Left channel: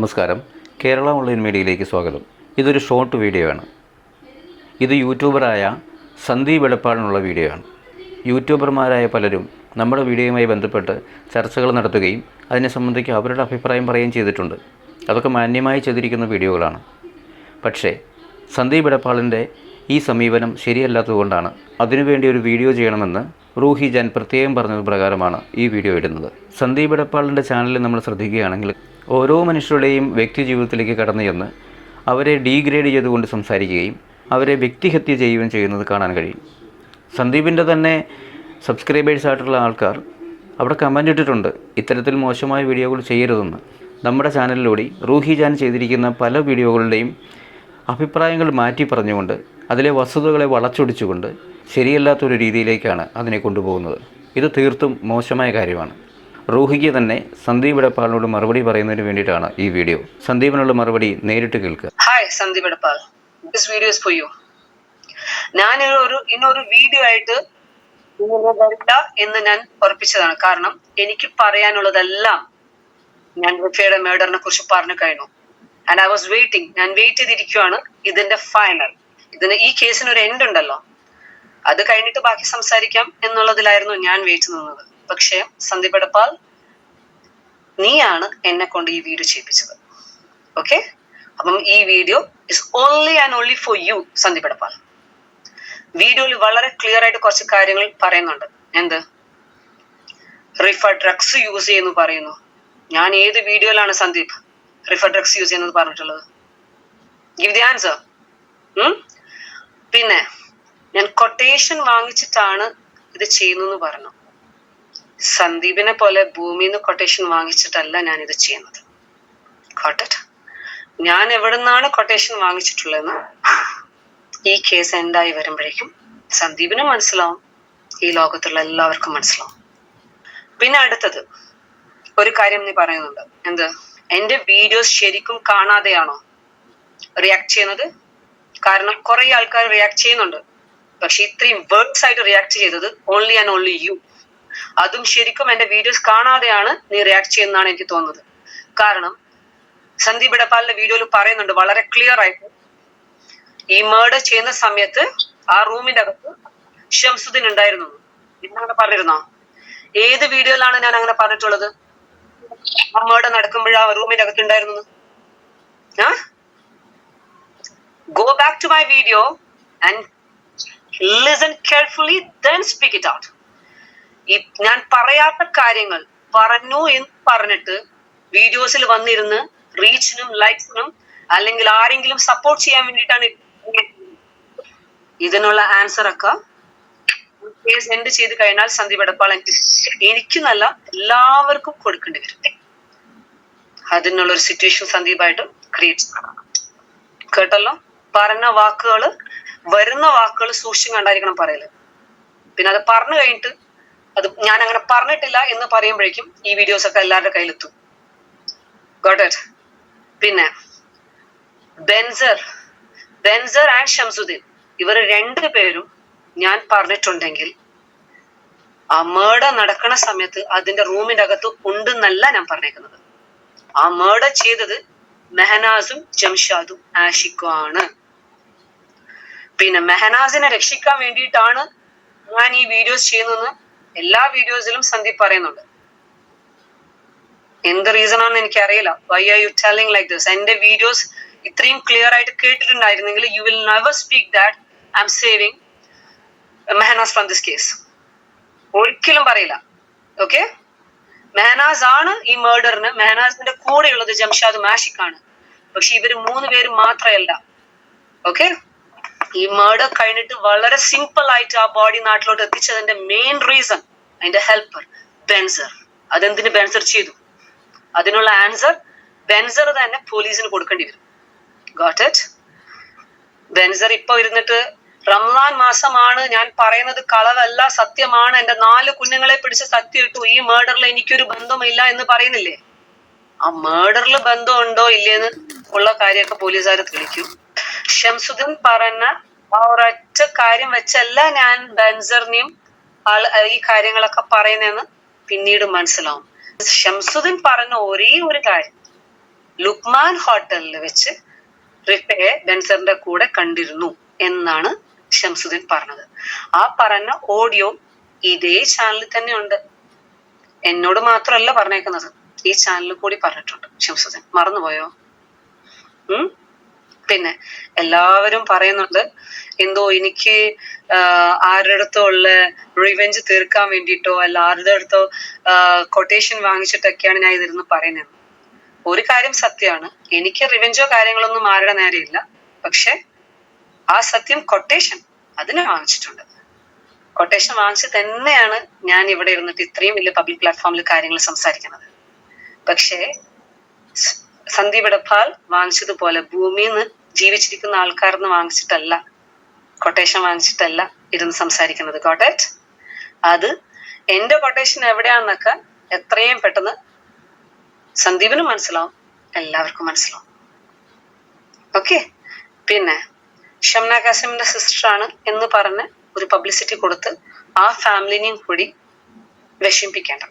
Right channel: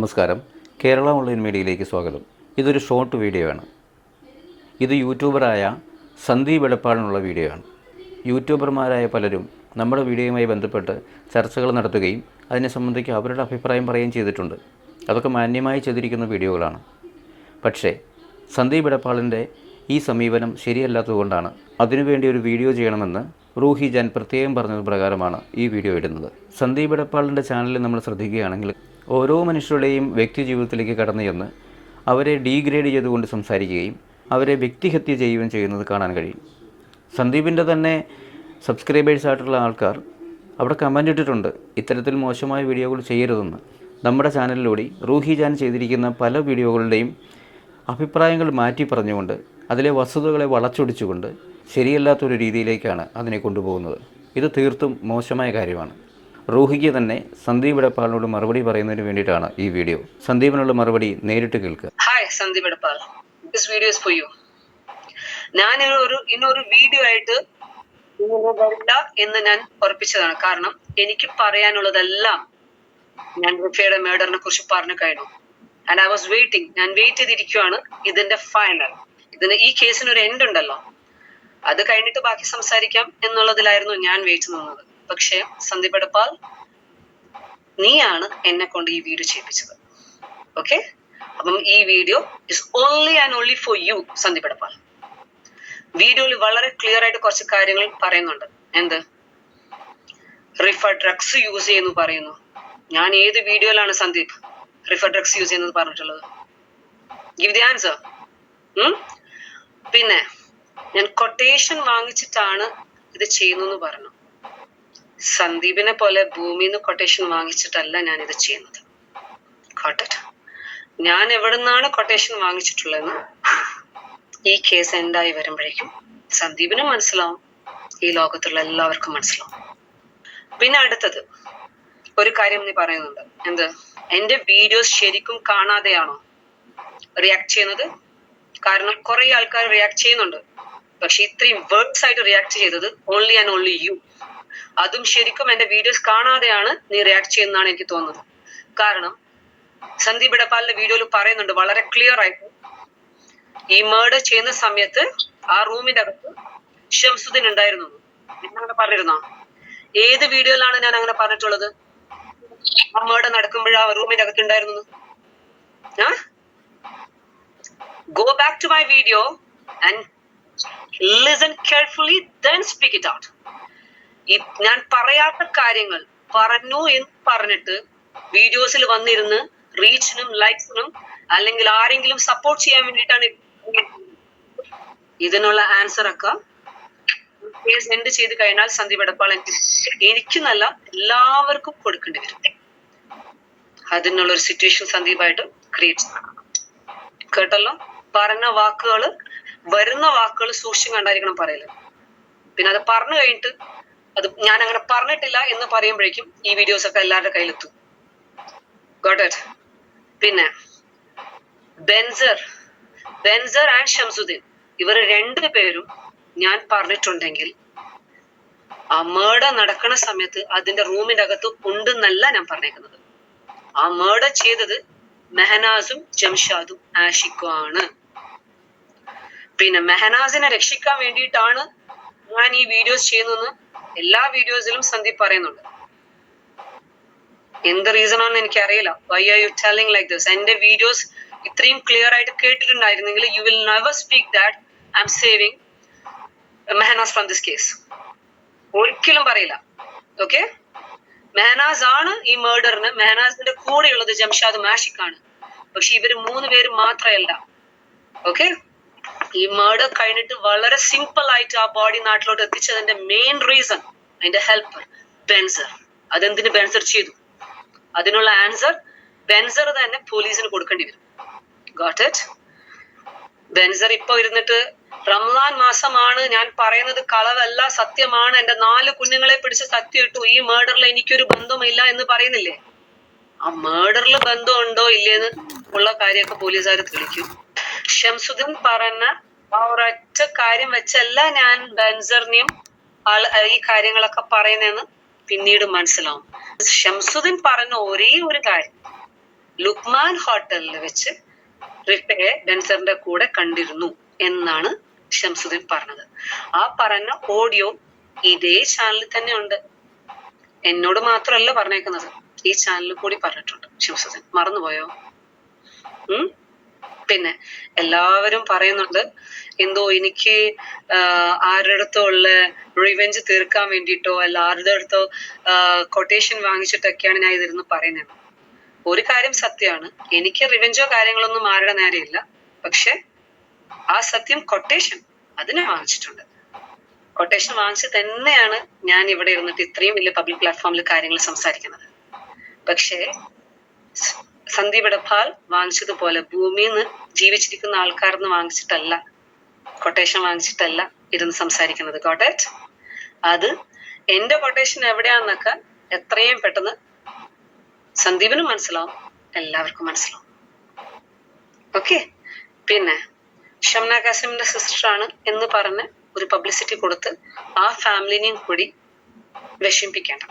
നമസ്കാരം. കേരള ഓൺലൈൻ മീഡിയയിലേക്ക് സ്വാഗതം. ഇതൊരു ഷോർട്ട് വീഡിയോ ആണ്. ഇത് യൂട്യൂബറായ സന്ദീപ് എടപ്പാളിനുള്ള വീഡിയോ ആണ്. യൂട്യൂബർമാരായ പലരും നമ്മുടെ വീഡിയോയുമായി ബന്ധപ്പെട്ട് ചർച്ചകൾ നടത്തുകയും അതിനെ സംബന്ധിച്ച് അവരുടെ അഭിപ്രായം പറയുകയും ചെയ്തിട്ടുണ്ട്. അതൊക്കെ മാന്യമായി ചെയ്തിരിക്കുന്ന വീഡിയോകളാണ്. പക്ഷേ സന്ദീപ് എടപ്പാളിൻ്റെ ഈ സമീപനം ശരിയല്ലാത്തതുകൊണ്ടാണ് അതിനുവേണ്ടി ഒരു വീഡിയോ ചെയ്യണമെന്ന് റൂഹി ജാൻ പ്രത്യേകം പറഞ്ഞത് പ്രകാരമാണ് ഈ വീഡിയോ ഇടുന്നത്. സന്ദീപ് എടപ്പാളിൻ്റെ ചാനലിൽ നമ്മൾ ശ്രദ്ധിക്കുകയാണെങ്കിൽ ഓരോ മനുഷ്യരുടെയും വ്യക്തി ജീവിതത്തിലേക്ക് കടന്നു ചെന്ന് അവരെ ഡീഗ്രേഡ് ചെയ്തുകൊണ്ട് സംസാരിക്കുകയും അവരെ വ്യക്തിഹത്യ ചെയ്യുകയും ചെയ്യുന്നത് കാണാൻ കഴിയും. സന്ദീപിൻ്റെ തന്നെ സബ്സ്ക്രൈബേഴ്സായിട്ടുള്ള ആൾക്കാർ അവിടെ കമൻ്റ് ഇട്ടിട്ടുണ്ട്, ഇത്തരത്തിൽ മോശമായ വീഡിയോകൾ ചെയ്യരുതെന്ന്. നമ്മുടെ ചാനലിലൂടെ റൂഹി ജാൻ ചെയ്തിരിക്കുന്ന പല വീഡിയോകളുടെയും അഭിപ്രായങ്ങൾ മാറ്റി പറഞ്ഞുകൊണ്ട് അതിലെ വസ്തുതകളെ വളച്ചൊടിച്ചുകൊണ്ട് ശരിയല്ലാത്തൊരു രീതിയിലേക്കാണ് അതിനെ കൊണ്ടുപോകുന്നത്. ഇത് തീർത്തും മോശമായ കാര്യമാണ്. റൂഹിക്ക് തന്നെ സന്ദീപ് എടപ്പാളിനോട് മറുപടി പറയുന്നതിന് വേണ്ടിയിട്ടാണ് ഈ വീഡിയോ. സന്ദീപിനുള്ള മറുപടി നേരിട്ട് കേൾക്കുക. Hi Sandeep Edappal, this video is for you. ഞാൻ ഇന്നൊരു വീഡിയോ ആയിട്ട് വരില്ല എന്ന് ഞാൻ ഉറപ്പിച്ചതാണ്. കാരണം എനിക്ക് പറയാനുള്ളതെല്ലാം ഞാൻ റിഫയുടെ മേഡറിനെ കുറിച്ച് പറഞ്ഞു കഴിഞ്ഞു. And I was waiting. ഞാൻ വെയിറ്റ് ചെയ്തിരിക്കുകയാണ് ഇതിന്റെ ഫൈനൽ. ഈ കേസിന് ഒരു എൻഡ് ഉണ്ടല്ലോ, അത് കഴിഞ്ഞിട്ട് ബാക്കി സംസാരിക്കാം എന്നുള്ളതിലായിരുന്നു ഞാൻ വെയിറ്റ് നിന്നത്. പക്ഷേ സന്ദീപ് എടപ്പാൾ, നീയാണ് എന്നെ കൊണ്ട് ഈ വീഡിയോ ചെയ്യിപ്പിച്ചത്. ഓക്കെ, അപ്പം ഈ video is only and only for you Sandeep Edappal. വീഡിയോയിൽ വളരെ ക്ലിയർ ആയിട്ട് കുറച്ച് കാര്യങ്ങൾ പറയുന്നുണ്ട്. എന്ത്? റിഫ ഡ്രഗ്സ് യൂസ് ചെയ്യുന്നു പറയുന്നു. ഞാൻ ഏത് വീഡിയോയിലാണ് സന്ദീപ് റിഫ ഡ്രഗ്സ് യൂസ് ചെയ്യുന്നത് പറഞ്ഞിട്ടുള്ളത്? Give the answer. പിന്നെ ഞാൻ കൊട്ടേഷൻ വാങ്ങിച്ചിട്ടാണ് ഇത് ചെയ്യുന്നു പറഞ്ഞു. സന്ദീപിനെ പോലെ ഭൂമിന്ന് കൊട്ടേഷൻ വാങ്ങിച്ചിട്ടല്ല ഞാൻ ഇത് ചെയ്യുന്നത്. ഞാൻ എവിടെ നിന്നാണ് കൊട്ടേഷൻ വാങ്ങിച്ചിട്ടുള്ളതെന്ന് ഈ കേസ് എൻഡായി വരുമ്പോഴേക്കും സന്ദീപിന് മനസ്സിലാവും, ഈ ലോകത്തുള്ള എല്ലാവർക്കും മനസ്സിലാവും. പിന്നെ അടുത്തത് ഒരു കാര്യം നീ പറയുന്നുണ്ട്. എന്ത്? എന്റെ വീഡിയോസ് ശരിക്കും കാണാതെയാണോ റിയാക്ട് ചെയ്യുന്നത്? കാരണം കുറെ ആൾക്കാർ റിയാക്ട് ചെയ്യുന്നുണ്ട്, പക്ഷെ ഇത്രയും വേർഡ്സ് ആയിട്ട് റിയാക്ട് ചെയ്തത് ഓൺലി ആൻഡ് ഓൺലി യു. അതും ശരിക്കും എന്റെ വീഡിയോസ് കാണാതെയാണ് നീ റിയാക്ട് ചെയ്യുന്നതാണ് എനിക്ക് തോന്നുന്നത്. കാരണം സന്ദീപ് എടപ്പാളിന്റെ വീഡിയോയിൽ പറയുന്നുണ്ട് വളരെ ക്ലിയർ ആയിട്ട്, ഈ മേർഡർ ചെയ്യുന്ന സമയത്ത് ആ റൂമിന്റെ അകത്ത് ഷംസുദ്ദീൻ ഉണ്ടായിരുന്നു. അങ്ങനെ പറഞ്ഞിരുന്നോ? ഏത് വീഡിയോയിലാണ് ഞാൻ അങ്ങനെ പറഞ്ഞിട്ടുള്ളത്? ആ മേർഡർ നടക്കുമ്പോഴ ആ റൂമിന്റെ അകത്ത് ഉണ്ടായിരുന്നു. Go back to my video and listen carefully, then speak it out. ഞാൻ പറയാത്ത കാര്യങ്ങൾ പറഞ്ഞു എന്ന് പറഞ്ഞിട്ട് വീഡിയോസിൽ വന്നിരുന്ന് റീച്ചിനും ലൈക്സിനും അല്ലെങ്കിൽ ആരെങ്കിലും സപ്പോർട്ട് ചെയ്യാൻ വേണ്ടിയിട്ടാണ് ഇതിനുള്ള ആൻസർ ഒക്കെ കേസ് എൻഡ് ചെയ്ത് കഴിഞ്ഞാൽ സന്ദീപ് എടപ്പാൾ എനിക്ക് നല്ല എല്ലാവർക്കും കൊടുക്കേണ്ടി വരും. അതിനുള്ള ഒരു സിറ്റുവേഷൻ സന്ദീപായിട്ട് ക്രിയേറ്റ് കേട്ടല്ലോ. പറഞ്ഞ വാക്കുകൾ, വരുന്ന വാക്കുകൾ സൂക്ഷിച്ചും കണ്ടായിരിക്കണം പറയല്. പിന്നെ അത് പറഞ്ഞു കഴിഞ്ഞിട്ട് അത് ഞാൻ അങ്ങനെ പറഞ്ഞിട്ടില്ല എന്ന് പറയുമ്പോഴേക്കും ഈ വീഡിയോസ് ഒക്കെ എല്ലാവരുടെ കയ്യിലെത്തും. Got it? പിന്നെ ബെൻസർ ആൻഡ് ഷംസുദ്ദീൻ, ഇവർ രണ്ടുപേരും ഞാൻ പറഞ്ഞിട്ടുണ്ടെങ്കിൽ ആ മേർഡർ നടക്കുന്ന സമയത്ത് അതിന്റെ റൂമിന്റെ അകത്ത് ഉണ്ടെന്നല്ല ഞാൻ പറഞ്ഞേക്കുന്നത്. ആ മേർഡർ ചെയ്തത് മെഹനാസും ജംഷാദും ആഷിഖും ആണ്. പിന്നെ മെഹനാസിനെ രക്ഷിക്കാൻ വേണ്ടിയിട്ടാണ് ഞാൻ ഈ വീഡിയോസ് ചെയ്യുന്നതെന്ന് എല്ലാ വീഡിയോസിലും സന്ദീപ് പറയുന്നുണ്ട്. എന്ത് റീസൺ ആണെന്ന് എനിക്കറിയില്ല. Why are you telling like this? എന്റെ വീഡിയോസ് ഇത്രയും ക്ലിയർ ആയിട്ട് കേട്ടിട്ടുണ്ടായിരുന്നെങ്കിൽ you will never speak that I am saving Mehnaz from this case. ഒരിക്കലും പറയില്ല. ഓക്കെ, മെഹനാസ് ആണ് ഈ മേർഡറിന്. മെഹനാസിന്റെ കൂടെയുള്ളത് ജംഷാദും ആഷിഖാണ്. പക്ഷെ ഇവര് 3 പേരും മാത്രമല്ല. ഓക്കെ, ഈ മേർഡർ കഴിഞ്ഞിട്ട് വളരെ സിമ്പിൾ ആയിട്ട് ആ ബോഡി നാട്ടിലോട്ട് എത്തിച്ചതിന്റെ മെയിൻ റീസൺ അതിന്റെ ഹെൽപ്പർ ബെൻസർ. അതെന്തിന് ബെൻസർ ചെയ്തു? അതിനുള്ള ആൻസർ ബെൻസർ തന്നെ പോലീസിന് കൊടുക്കേണ്ടി വരും. Got it? ബെൻസർ ഇപ്പൊ ഇരുന്നിട്ട് റംസാൻ മാസമാണ്, ഞാൻ പറയുന്നത് കളവല്ല, സത്യമാണ്, എന്റെ 4 കുഞ്ഞുങ്ങളെ പിടിച്ച് സത്യം ഇട്ടു, ഈ മേർഡറിൽ എനിക്കൊരു ബന്ധമില്ല എന്ന് പറയുന്നില്ലേ? ആ മേർഡറിൽ ബന്ധമുണ്ടോ ഇല്ലേന്ന് ഉള്ള കാര്യമൊക്കെ പോലീസുകാർ തെളിയിക്കും. ഷംസുദ്ദീൻ പറഞ്ഞ ആ ഒരൊറ്റ കാര്യം വെച്ചല്ല ഞാൻ ബെൻസറിനെയും ഈ കാര്യങ്ങളൊക്കെ പറയുന്നതെന്ന് പിന്നീട് മനസ്സിലാവും. ഷംസുദ്ദീൻ പറഞ്ഞ ഒരേ ഒരു കാര്യം, ലുക്മാൻ ഹോട്ടലിൽ വെച്ച് റിഫയെ ബെൻസറിന്റെ കൂടെ കണ്ടിരുന്നു എന്നാണ് ഷംസുദ്ദീൻ പറഞ്ഞത്. ആ പറഞ്ഞ ഓഡിയോ ഇതേ ചാനലിൽ തന്നെ ഉണ്ട്. എന്നോട് മാത്രമല്ല പറഞ്ഞേക്കുന്നത്, ഈ ചാനലിൽ കൂടി പറഞ്ഞിട്ടുണ്ട് ഷംസുദ്ദീൻ. മറന്നുപോയോ? പിന്നെ എല്ലാവരും പറയുന്നുണ്ട് എന്തോ എനിക്ക് ആരുടെ അടുത്തോ ഉള്ള റിവെഞ്ച് തീർക്കാൻ വേണ്ടിയിട്ടോ അല്ല ആരുടെ അടുത്തോ കൊട്ടേഷൻ വാങ്ങിച്ചിട്ടൊക്കെയാണ് ഞാൻ ഇതിരുന്ന് പറയുന്നത്. ഒരു കാര്യം സത്യമാണ്, എനിക്ക് റിവെഞ്ചോ കാര്യങ്ങളൊന്നും ആരുടെ നേരെയില്ല. പക്ഷെ ആ സത്യം കൊട്ടേഷൻ അതിനെ വാങ്ങിച്ചിട്ടുണ്ട്. കൊട്ടേഷൻ വാങ്ങിച്ച് തന്നെയാണ് ഞാൻ ഇവിടെ ഇരുന്നിട്ട് ഇത്രയും വലിയ പബ്ലിക് പ്ലാറ്റ്ഫോമിൽ കാര്യങ്ങൾ സംസാരിക്കുന്നത്. പക്ഷേ സന്ദീപ് ഇടപ്പാൽ വാങ്ങിച്ചതുപോലെ ഭൂമിയിൽ നിന്ന് ജീവിച്ചിരിക്കുന്ന ആൾക്കാർന്ന് വാങ്ങിച്ചിട്ടല്ല, കൊട്ടേഷൻ വാങ്ങിച്ചിട്ടല്ല ഇരുന്ന് സംസാരിക്കുന്നത്. Got it? അത് എന്റെ കൊട്ടേഷൻ എവിടെയാണെന്നൊക്കെ എത്രയും പെട്ടെന്ന് സന്ദീപിനും മനസ്സിലാവും, എല്ലാവർക്കും മനസ്സിലാവും. ഓക്കെ. പിന്നെ ഷംന കാസിമിന്റെ സിസ്റ്ററാണ് എന്ന് പറഞ്ഞ് ഒരു പബ്ലിസിറ്റി കൊടുത്ത് ആ ഫാമിലിനെയും കൂടി വിഷമിപ്പിക്കേണ്ട.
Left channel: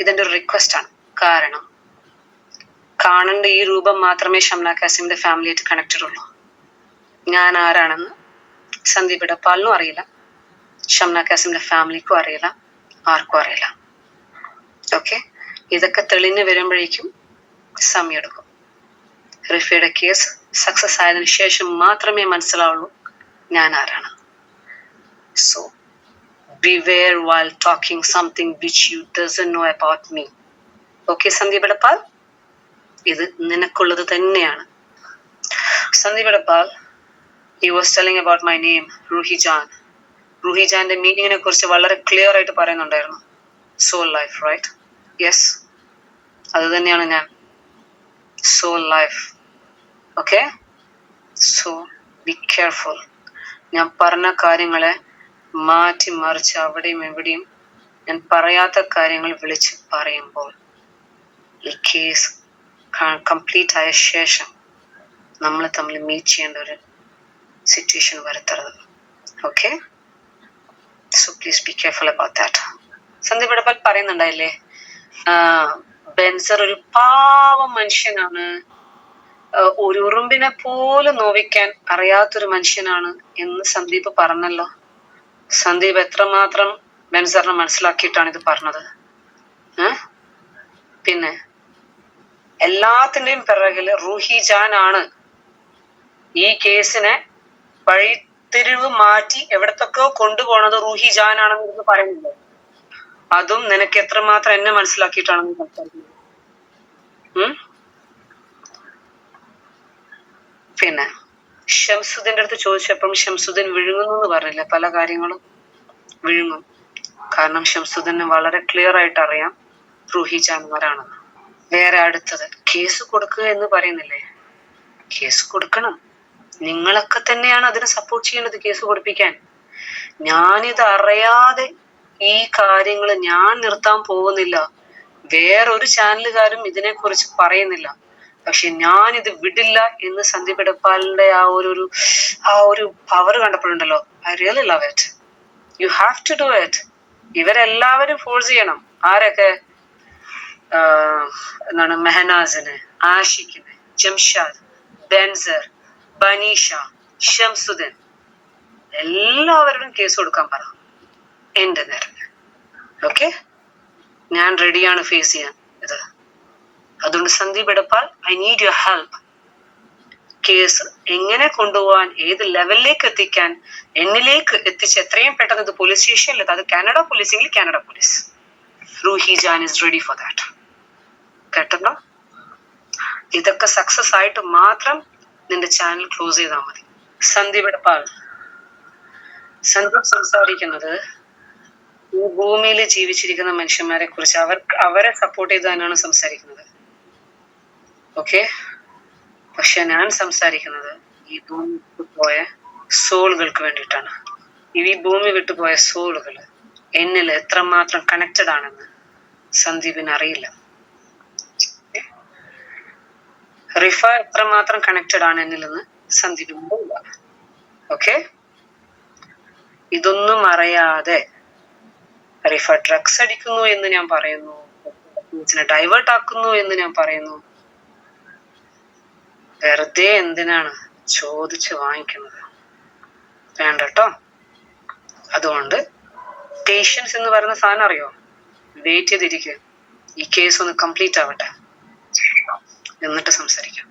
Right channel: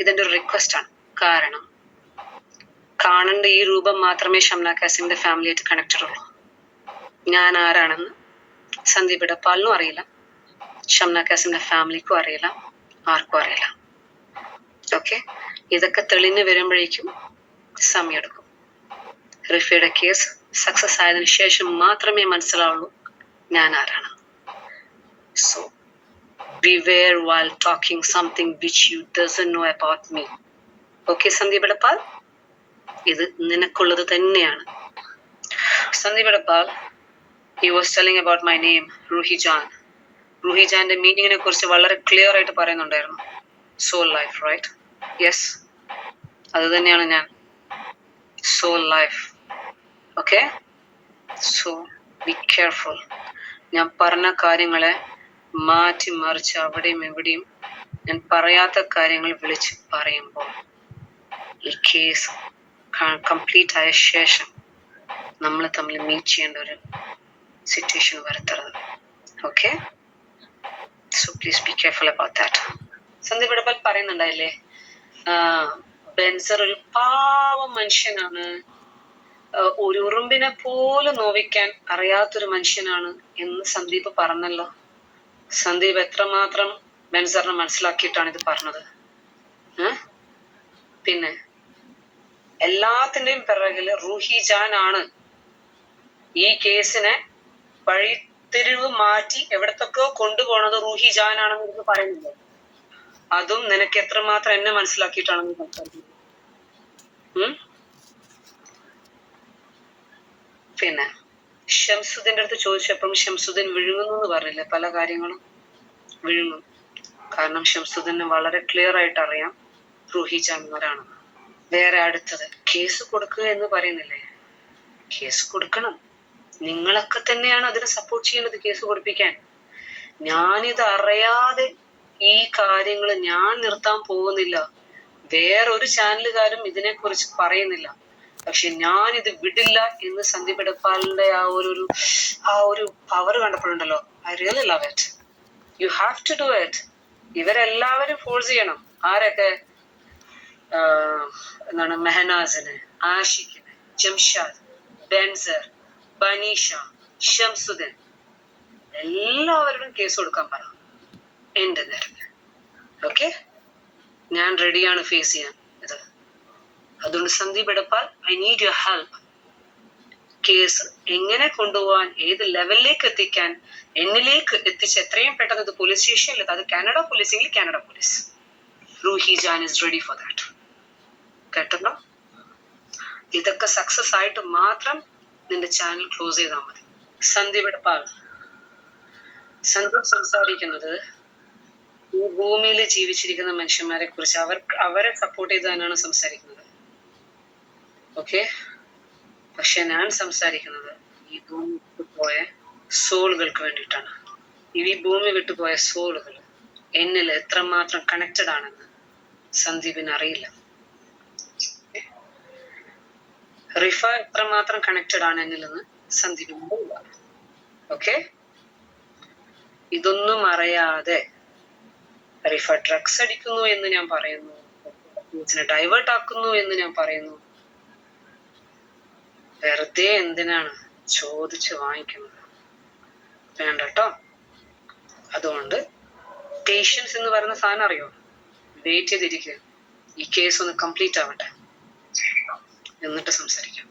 ഇതെന്റെ ഒരു റിക്വസ്റ്റ് ആണ്. കാരണം കാണേണ്ട ഈ രൂപം മാത്രമേ ഷംന കാസിമിന്റെ ഫാമിലിയായിട്ട് കണക്റ്റഡ് ഉള്ളൂ. ഞാൻ ആരാണെന്ന് സന്ദീപ് ഇടപ്പാലിനും അറിയില്ല, ഷംന കാസിമിന്റെ ഫാമിലിക്കും അറിയില്ല, ആർക്കും അറിയില്ല. ഓക്കെ. ഇതൊക്കെ തെളിഞ്ഞു വരുമ്പോഴേക്കും സമയമെടുക്കും. റിഫയുടെ കേസ് സക്സസ് ആയതിനു ശേഷം മാത്രമേ മനസ്സിലാവുള്ളൂ ഞാൻ ആരാണ്. So beware while talking something which you doesn't know about me. Okay, Sandeep Edappal, ഇത് നിനക്കുള്ളത് തന്നെയാണ്. Sandeep ഇടപ്പാൽ, he was telling about my name, Roohi Jan. Roohi ജാന്റെ മീനിങ്ങിനെ കുറിച്ച് വളരെ ക്ലിയർ ആയിട്ട് പറയുന്നുണ്ടായിരുന്നു. Soul life, right? യെസ്, അത് തന്നെയാണ് ഞാൻ. Soul life. Okay. So be careful. ഞാൻ പറഞ്ഞ കാര്യങ്ങളെ മാറ്റി മറിച്ച് അവിടെയും എവിടെയും ഞാൻ പറയാത്ത കാര്യങ്ങൾ വിളിച്ച് പറയുമ്പോൾ ഈ കേസ് കംപ്ലീറ്റ് ആയ ശേഷം നമ്മൾ തമ്മിൽ മീറ്റ് ചെയ്യേണ്ട ഒരു സിറ്റുവേഷൻ വരുത്തരുത്. Okay. So please be careful about that. Sandeep Edappal പറയുന്നുണ്ടായില്ലേ, ബെൻസർ ഒരു പാവം മനുഷ്യനാണ്, ഒരു ഉറുമ്പിനെ പോലും നോവിക്കാൻ അറിയാത്തൊരു മനുഷ്യനാണ് എന്ന് സന്ദീപ് പറഞ്ഞല്ലോ. സന്ദീപ് എത്രമാത്രം ബെൻസറിനെ മനസ്സിലാക്കിയിട്ടാണ് ഇത് പറഞ്ഞത്? പിന്നെ എല്ലാത്തിന്റെയും പിറകില് റൂഹി ജാൻ ആണ്. ഈ കേസിനെ വഴിത്തിരിവ് മാറ്റി എവിടത്തൊക്കെയോ കൊണ്ടുപോണത് റൂഹി ജാൻ ആണെന്ന് പറയുന്നില്ല. അതും നിനക്ക് എത്രമാത്രം എന്നെ മനസ്സിലാക്കിയിട്ടാണെന്ന് സംസാരിക്കുന്നത്. പിന്നെ ഷംസുദ്ദീന്റെ അടുത്ത് ചോദിച്ചപ്പം ഷംസുദ്ദീൻ വിഴുങ്ങുന്നു എന്ന് പറഞ്ഞില്ല. പല കാര്യങ്ങളും വിഴുങ്ങും. കാരണം ഷംസുദ്ദീന് വളരെ ക്ലിയർ ആയിട്ട് അറിയാം റൂഹി ജാൻമാരാണെന്ന്. വേറെ അടുത്തത് കേസ് കൊടുക്കുക എന്ന് പറയുന്നില്ലേ, കേസ് കൊടുക്കണം. നിങ്ങളൊക്കെ തന്നെയാണ് അതിനെ സപ്പോർട്ട് ചെയ്യേണ്ടത്, കേസ് കൊടുപ്പിക്കാൻ. ഞാനിത് അറിയാതെ ഈ കാര്യങ്ങൾ ഞാൻ നിർത്താൻ പോകുന്നില്ല. വേറൊരു ചാനലുകാരും ഇതിനെ കുറിച്ച് പറയുന്നില്ല. പക്ഷെ ഞാൻ ഇത് വിടില്ല എന്ന് സന്ദീപ് ഇടപ്പാലിന്റെ ആ ഒരു പവർ കണ്ടപ്പോഴുണ്ടല്ലോ, I really love it. You have to do it. ഇവരെല്ലാവരും ഫോഴ്സ് ചെയ്യണം. ആരൊക്കെ? എന്താണ്, മെഹനാസിന്, ആഷിഖിന്, ജംഷാദ്, ബെൻസർ, ബനീഷ, ഷംസുദ്ദീൻ, എല്ലാവരോടും കേസ് കൊടുക്കാൻ പറ എന്റെ നേരം. ഓക്കെ. ഞാൻ റെഡിയാണ് ഫേസ് ചെയ്യാൻ ഇത്. അതുകൊണ്ട് Sandeep Edappal, I need your help. Case എങ്ങനെ കൊണ്ടുപോകാൻ, ഏത് ലെവലിലേക്ക് എത്തിക്കാൻ, എന്നിലേക്ക് എത്തിച്ച് എത്രയും പെട്ടെന്ന് ഇത് പോലീസ് സ്റ്റേഷനിൽ, അത് കാനഡ പോലീസെങ്കിൽ Canada police. Roohi Jaan is ready for that. കേട്ടോ? ഇതൊക്കെ സക്സസ് ആയിട്ട് മാത്രം നിന്റെ ചാനൽ ക്ലോസ് ചെയ്താൽ മതി. സന്ദീപ് ഇടപ്പാൽ, സന്ദീപ് സംസാരിക്കുന്നത് ഈ ഭൂമിയിൽ ജീവിച്ചിരിക്കുന്ന മനുഷ്യന്മാരെ കുറിച്ച്, അവരെ സപ്പോർട്ട് ചെയ്ത് തന്നെയാണ് സംസാരിക്കുന്നത്. ഓക്കെ. പക്ഷെ ഞാൻ സംസാരിക്കുന്നത് ഈ ഭൂമി വിട്ടുപോയ സോളുകൾക്ക് വേണ്ടിയിട്ടാണ്. ഈ ഭൂമി വിട്ടുപോയ സോളുകൾ എന്നിൽ എത്രമാത്രം കണക്റ്റഡ് ആണെന്ന് സന്ദീപിന് അറിയില്ല. റിഫ എത്രമാത്രം കണക്റ്റഡ് ആണ് എന്നിലെന്ന് സന്ദീപിന് അറിയില്ല. ഓക്കെ. ഇതൊന്നും അറിയാതെ റിഫ ഡ്രഗ്സ് അടിക്കുന്നു എന്ന് ഞാൻ പറയുന്നു, ഡൈവേർട്ട് ആക്കുന്നു എന്ന് ഞാൻ പറയുന്നു. വെറുതെ എന്തിനാണ് ചോദിച്ച് വാങ്ങിക്കുന്നത്? വേണ്ട കേട്ടോ. അതുകൊണ്ട് പേഷ്യൻസ് എന്ന് പറയുന്ന സാധനം അറിയോ? വെയിറ്റ് ചെയ്തിരിക്കുക. ഈ കേസ് ഒന്ന് കംപ്ലീറ്റ് ആവട്ടെ, എന്നിട്ട് സംസാരിക്കാം.